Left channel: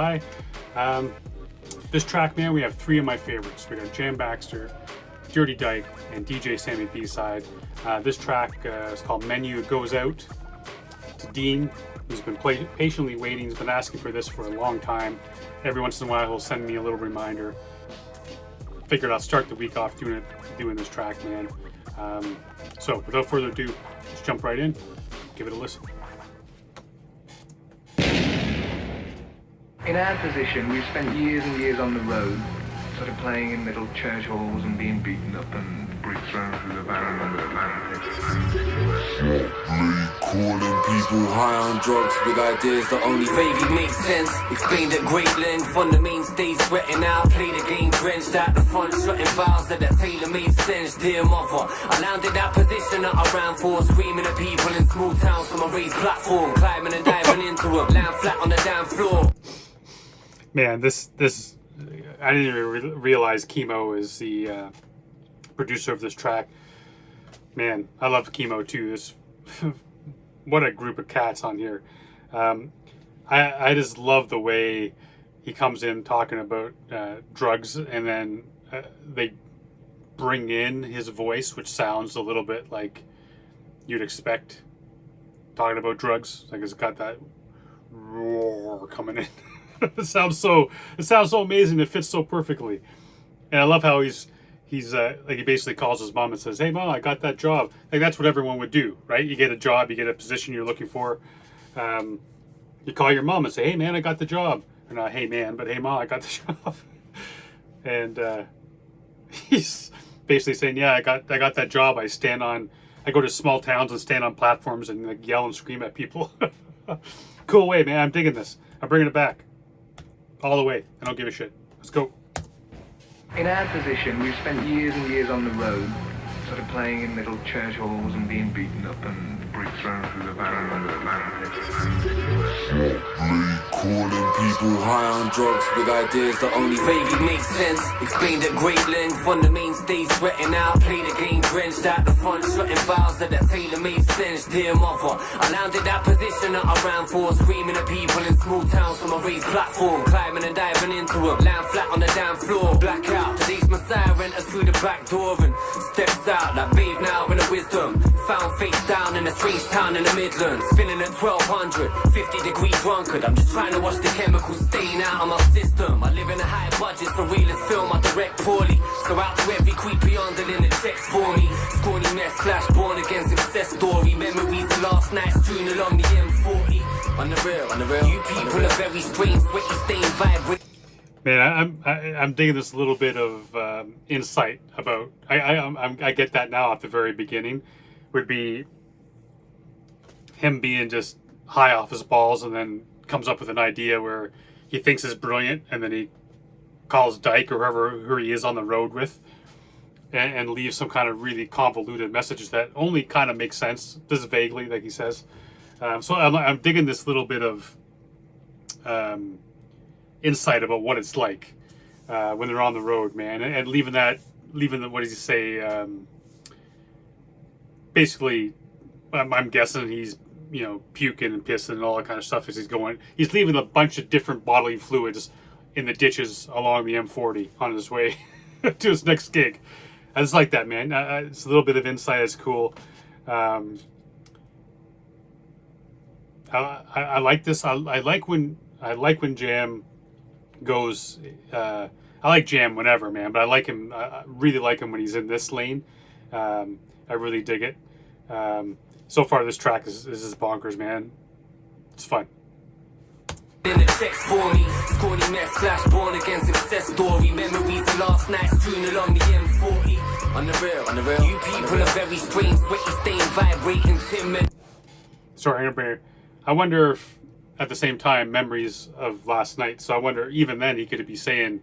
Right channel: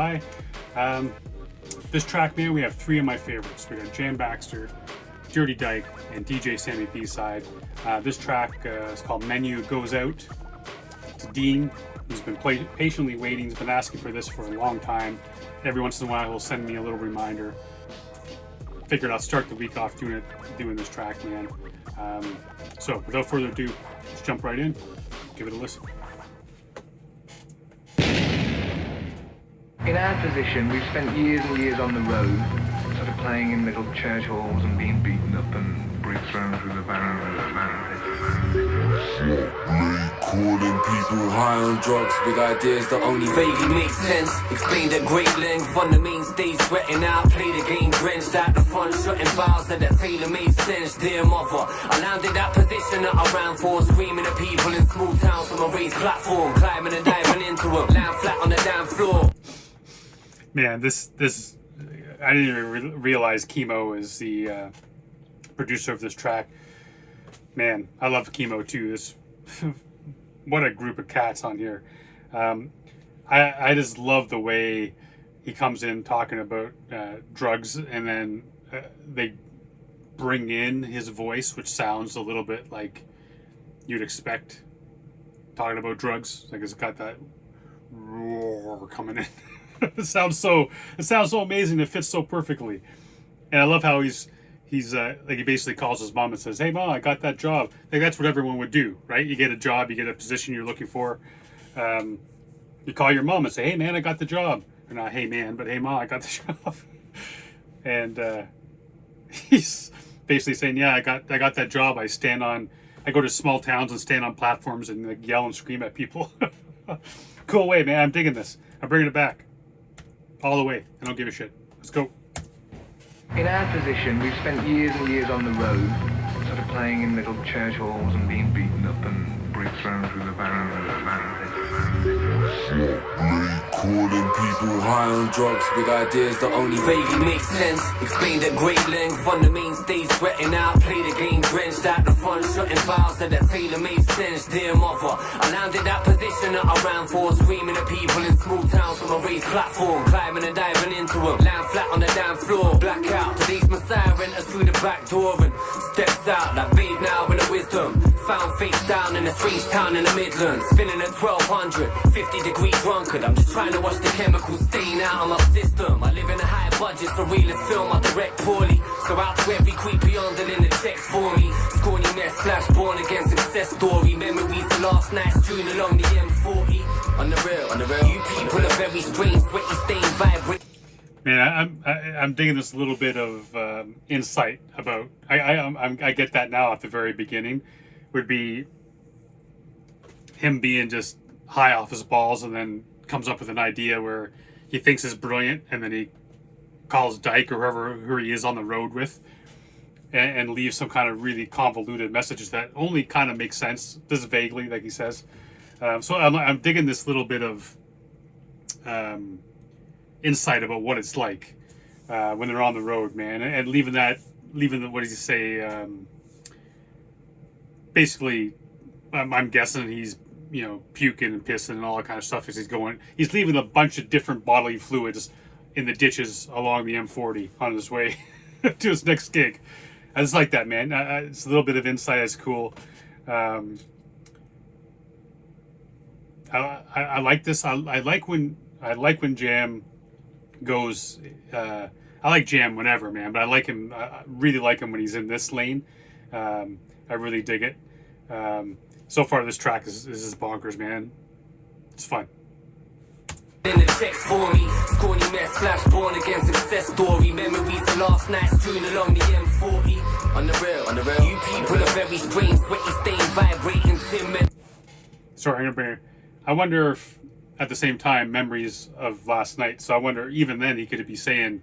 by. This track, man, we have three of my favorites. We got Jam Baxter, Dirty Dike, and DJ Sammy B-Side. This track is called Menu Goes Out. It's Dean, who's been patiently waiting. He's been asking for this for a long time. Every once in a while, he'll send me a little reminder. Figured I'll start the week off doing this track, man. So without further ado, let's jump right in. Give it a listen. In our position, we've spent years and years on the road, sort of playing in little church halls and being beaten up and bricks thrown through the barrel and the Calling people high on drugs, big ideas that only vaguely make sense. Explained at great length on the main stage, sweating out, play the game drenched out the front, shutting files at that tailor-made stench. Dear mother, I landed that position that I ran for, screaming at people in small towns from a raised platform, climbing and diving into them, land flat on the damn floor. Man, this I didn't even realize Chemo is the producer of this track. Man, I love Chemo too. This what a group of cats on here. I just love the way he comes in talking about drugs, and then they bring in his voice, which sounds a little bit like you'd expect talking about drugs. Like it's got that roar coming in. It sounds so amazing. It fits so perfectly, and I love how he's like he basically calls his mom and says, "Hey mom, I got that job." Like that's what everyone would do, right? You get a job, you get a position you're looking for. You call your mom and say, "Hey man, I got the job," and not "Hey man," but "Hey mom, I got the job." And he's basically saying, "Yeah, I got that job. I go to small towns and stand on platforms and like yell and scream at people." Cool way, man. I'm digging this. I'm bringing it back. All the way. I don't give a shit. Let's go. In our position, we've spent years and years on the road, sort of playing in little church halls and being beaten up and bricks thrown through the barrel and the Calling people high on drugs, big ideas that only vaguely make sense. Explained at great length on the main stage, sweating out, play the game drenched out the front, shutting files at that tailor-made stench. Dear mother, I landed that position that I ran for, screaming at people in small towns from a raised platform, climbing and diving into them, land flat on the damn floor. Blackout, today's Messiah enters through the back door and steps out, like bathe now in the wisdom. Found face down in a strange town in the Midlands, spinning at 1200, 50-degree drunkard. I'm just trying to watch the chemicals stain out of my system. I live in a high budget for realist film, I direct poorly. So out to every creepy underling that checks for me. Scrawny mess slash born again success story. Memories of last night strewn along the M40. On the real, you people are very strange, sweaty stain vibrant. Man, I'm digging this little bit of insight about. I get that now at the very beginning, would be him being just high off his balls and then comes up with an idea where he thinks is brilliant, and then he calls Dyke or who he is on the road with, and leaves some kind of really convoluted messages that only kind of make sense, just vaguely, like he says. So I'm digging this little bit of insight about what it's like when they're on the road, man, and leaving the, what does he say? Basically, I'm guessing he's puking and pissing and all that kind of stuff as he's leaving a bunch of different bodily fluids in the ditches along the M40 on his way to his next gig. I just like that, man. It's a little bit of insight. It's cool. I like this. I like when Jam goes. I like Jam whenever, man, but I like him. I really like him when he's in this lane. I really dig it. So far, this track is bonkers, man. It's fun. In the checks for me, scrawny mess slash born again success story. Memories of last night strewn along the M40. On the real, you people are very strange, sweaty stain vibrating timid. Sorry, I'm gonna bring it. I wonder if at the same time memories of last night. So I wonder even then he could be saying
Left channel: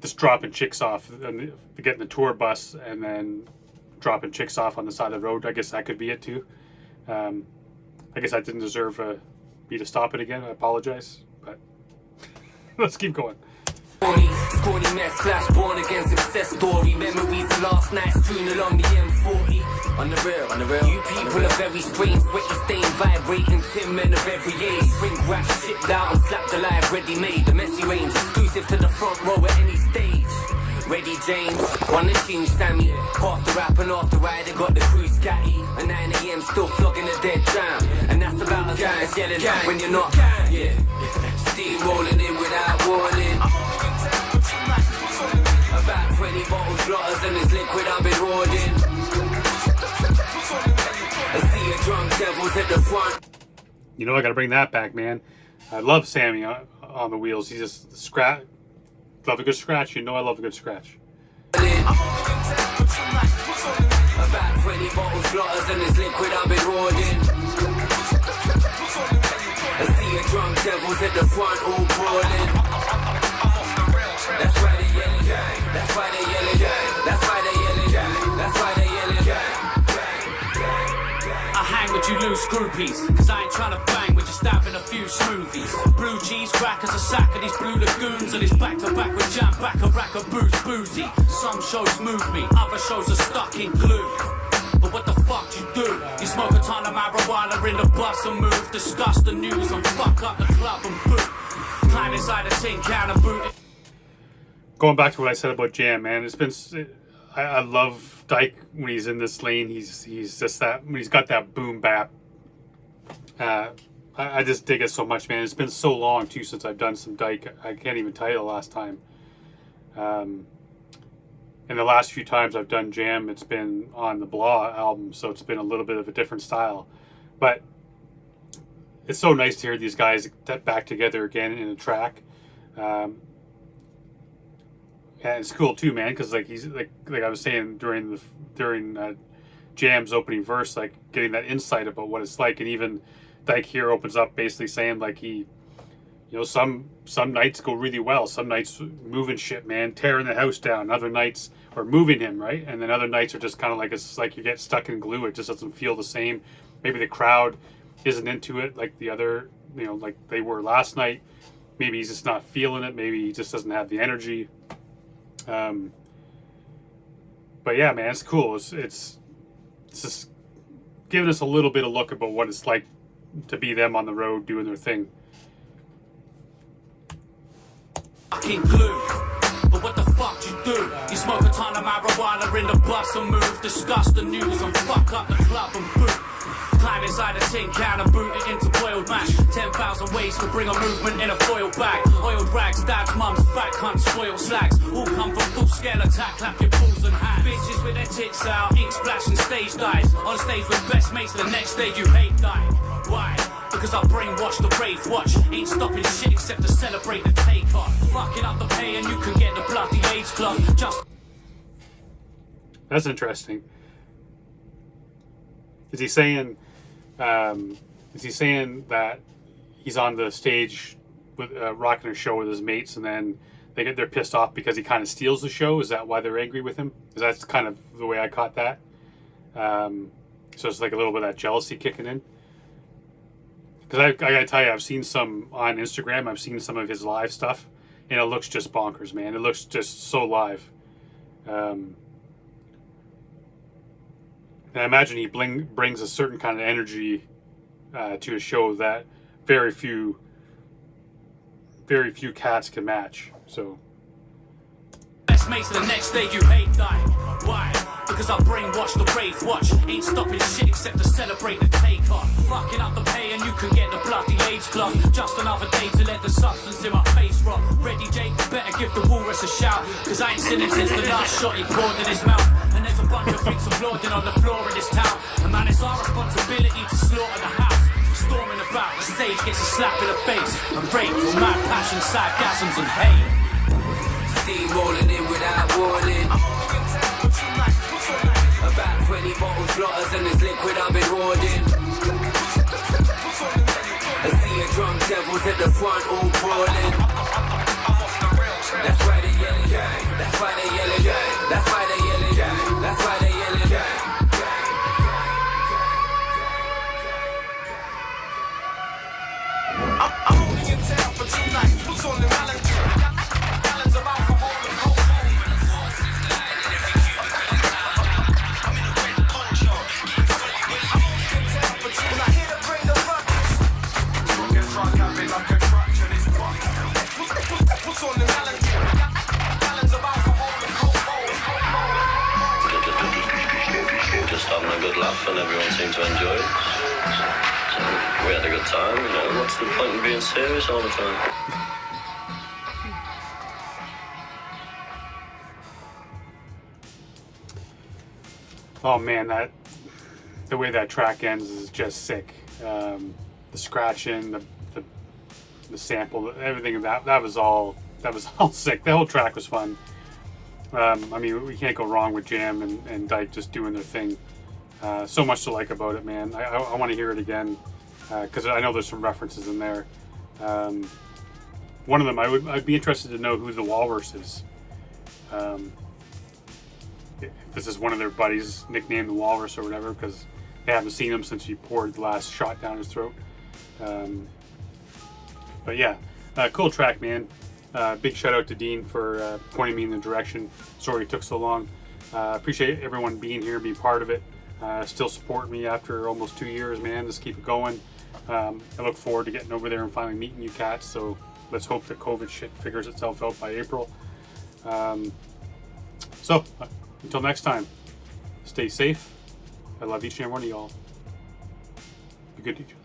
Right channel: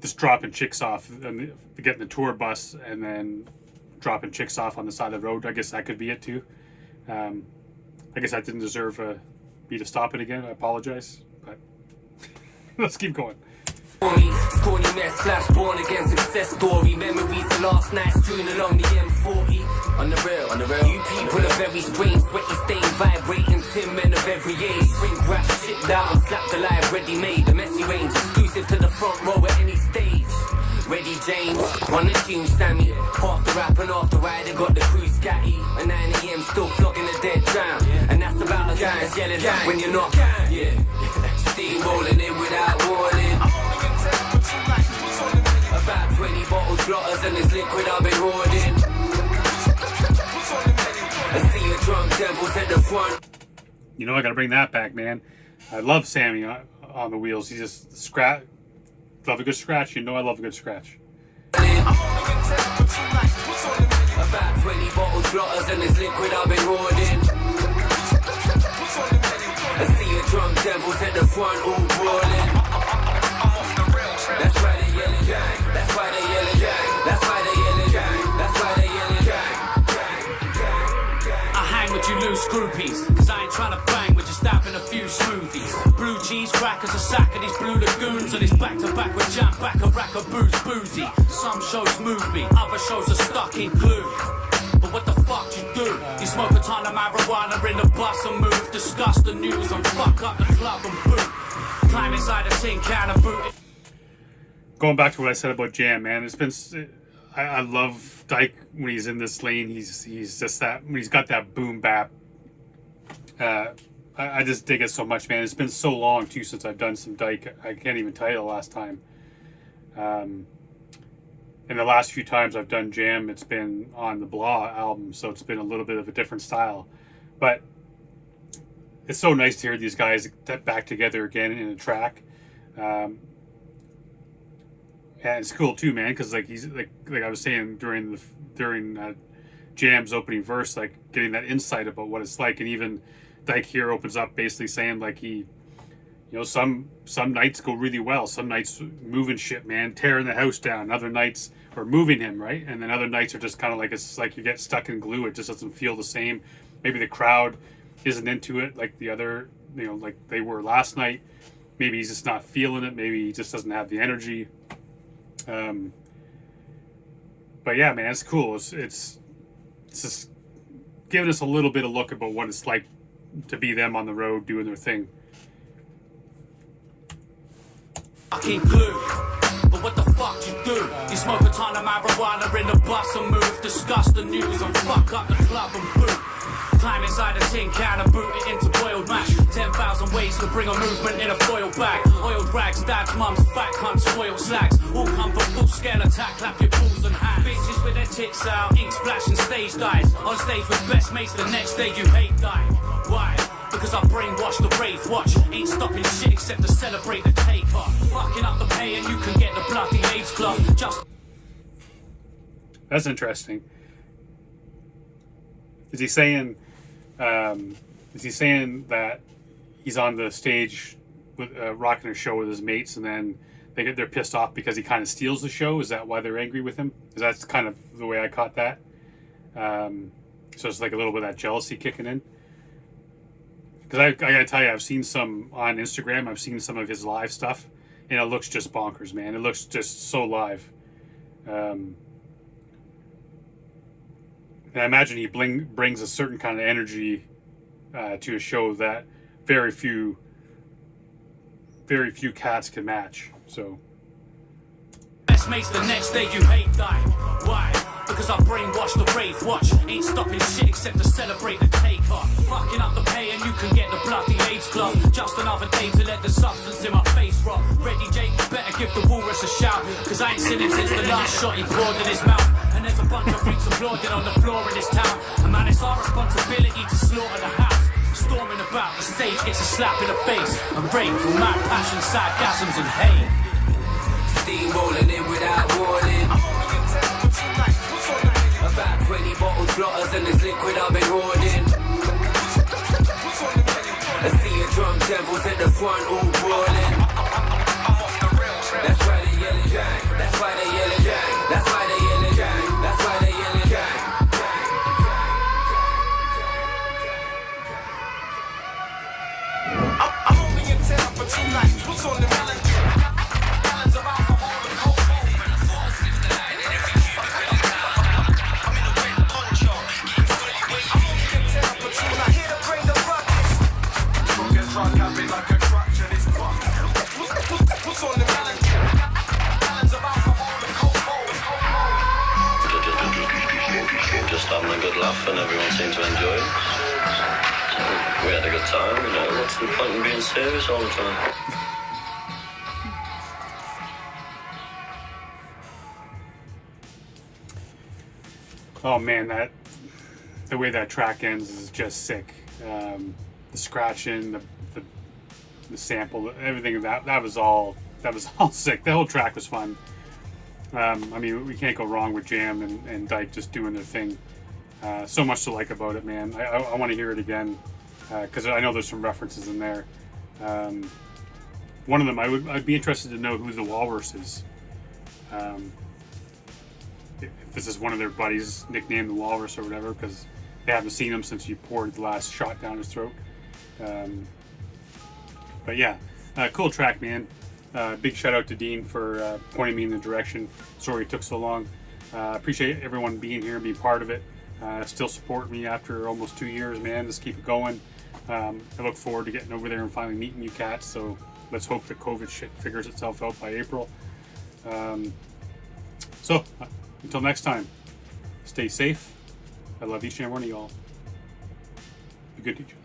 just dropping chicks off and getting the tour bus and then dropping chicks off on the side of the road. I guess that could be it too. I guess I didn't deserve me to stop it again. I apologize, but let's keep going. Scrawny mess slash born again success story. Memories of last night strewn along the M40. On the real. You people are very strange, sweaty stain, vibrating, tin men of every age. Bring rap shit down and slap the live ready-made. The messy range, exclusive to the front row at any stage. Ready James, on the tune Sammy. Half the rap and half the rider got the crew scatty. At 9 AM still flogging a dead jam. And that's about as gang as yelling when you're not. Yeah, steam rolling in without warning. About 20 bottles, blotters and this liquid I've been hoarding. I see a drunk devils at the front. You know, I gotta bring that back, man. I love Sammy on the wheels. He just love a good scratch. You know I love a good scratch. About 20 bottles, blotters and this liquid I've been hoarding. I see a drunk devils at the front all brawling. That's why they yelling gang. That's why they yelling gang. That's why they yelling gang. That's why they yelling gang. I hang with you loose groupies, cause I ain't trying to bang, we're just having a few smoothies. Blue cheese crackers, a sack of these blue lagoons, and it's back to back with Jam Baxter, rack of booze, boozy. Some shows move me, other shows are stuck in glue. But what the fuck you do? You smoke a ton of marijuana in the bus and move, discuss the news and fuck up the club and boot. Climb inside a tin can and boot it. Going back to what I said about Jam, man, it's been. I love Dike when he's in this lane. He's just that when he's got that boom bap. I just dig it so much, man. It's been so long too since I've done some Dike. I can't even tell you the last time. And the last few times I've done Jam, it's been on the Blah album, so it's been a little bit of a different style. But it's so nice to hear these guys back together again in a track. And it's cool too, man, because like he's like I was saying during Jam's opening verse, like getting that insight about what it's like, and even Dike here opens up basically saying like he, you know, some nights go really well, some nights moving shit, man, tearing the house down, other nights or moving him, right, and then other nights are just kind of like it's like you get stuck in glue. It just doesn't feel the same. Maybe the crowd isn't into it like the other, you know, like they were last night. Maybe he's just not feeling it. Maybe he just doesn't have the energy. But yeah, man, it's cool. It's just giving us a little bit of look about what it's like to be them on the road doing their thing. Fucking glue. But what the fuck you do? You smoke a ton of marijuana in the bus and move, discuss the news and fuck up the club and boot. Climb inside a tin can and boot it into boiled mash. 10,000 ways to bring a movement in a foil bag. Oiled rags, dads, mums, fat cunts, spoiled slacks. All come from full scale attack, clap your balls and hands. Bitches with their tits out, ink splash and stage dives. On stage with best mates, the next day you hate die. Why? Because I brainwashed the rave watch. Ain't stopping shit except to celebrate the takeoff. Fucking up the pay and you can get the bloody AIDS club. Just. That's interesting. Is he saying that he's on the stage with rocking a show with his mates, and then they're pissed off because he kind of steals the show? Is that why they're angry with him? Because that's kind of the way I caught that. So it's like a little bit of that jealousy kicking in. Because I gotta tell you, I've seen some on Instagram. I've seen some of his live stuff, and it looks just bonkers, man. It looks just so live. And I imagine he brings a certain kind of energy to a show that very few cats can match. So. Best mates the next day you hate die. Why? Because I brainwashed the rave watch. Ain't stopping shit except to celebrate the takeoff. Fucking up the pay and you can get the bloody AIDS club. Just another day to let the substance in my face rot. Ready Jake, better give the walrus a shout. Cause I ain't seen him since the last shot he poured in his mouth. And there's a bunch of freaks applauding on the floor in this town. And man, it's our responsibility to slaughter the house. Storming about, the stage gets a slap in the face. And rape for mad passion, sarcasms and hate. Steam rolling in without warning. About 20 bottles, blotters and this liquid I've been hoarding. I see a drunk devils at the front all brawling. That's why they yelling gang. That's why they yelling gang. That's why they yelling gang. That's why they yelling gang. I'm only in town for 2 nights. What's on the balance? Balance of alcohol and cocaine. I'm in a red poncho. just having a good laugh and everyone seemed to enjoy it. So we had a good time, you know, what's the point in being serious all the time? Oh man, the way that track ends is just sick. The scratching, the sample, everything of that was all sick. The whole track was fun. I mean, we can't go wrong with Jam and Dike just doing their thing. So much to like about it, man. I want to hear it again because I know there's some references in there. One of them, I'd be interested to know who the Walrus is. If this is one of their buddies nicknamed the Walrus or whatever, because they haven't seen him since he poured the last shot down his throat. But yeah, cool track, man. Big shout out to Dean for pointing me in the direction. Sorry it took so long. Appreciate everyone being here, being part of it. Still support me after almost 2 years, man. Just keep it going. I look forward to getting over there and finally meeting you cats. So let's hope the COVID shit figures itself out by April. So until next time, stay safe. I love each and every one of y'all. Be good to each other.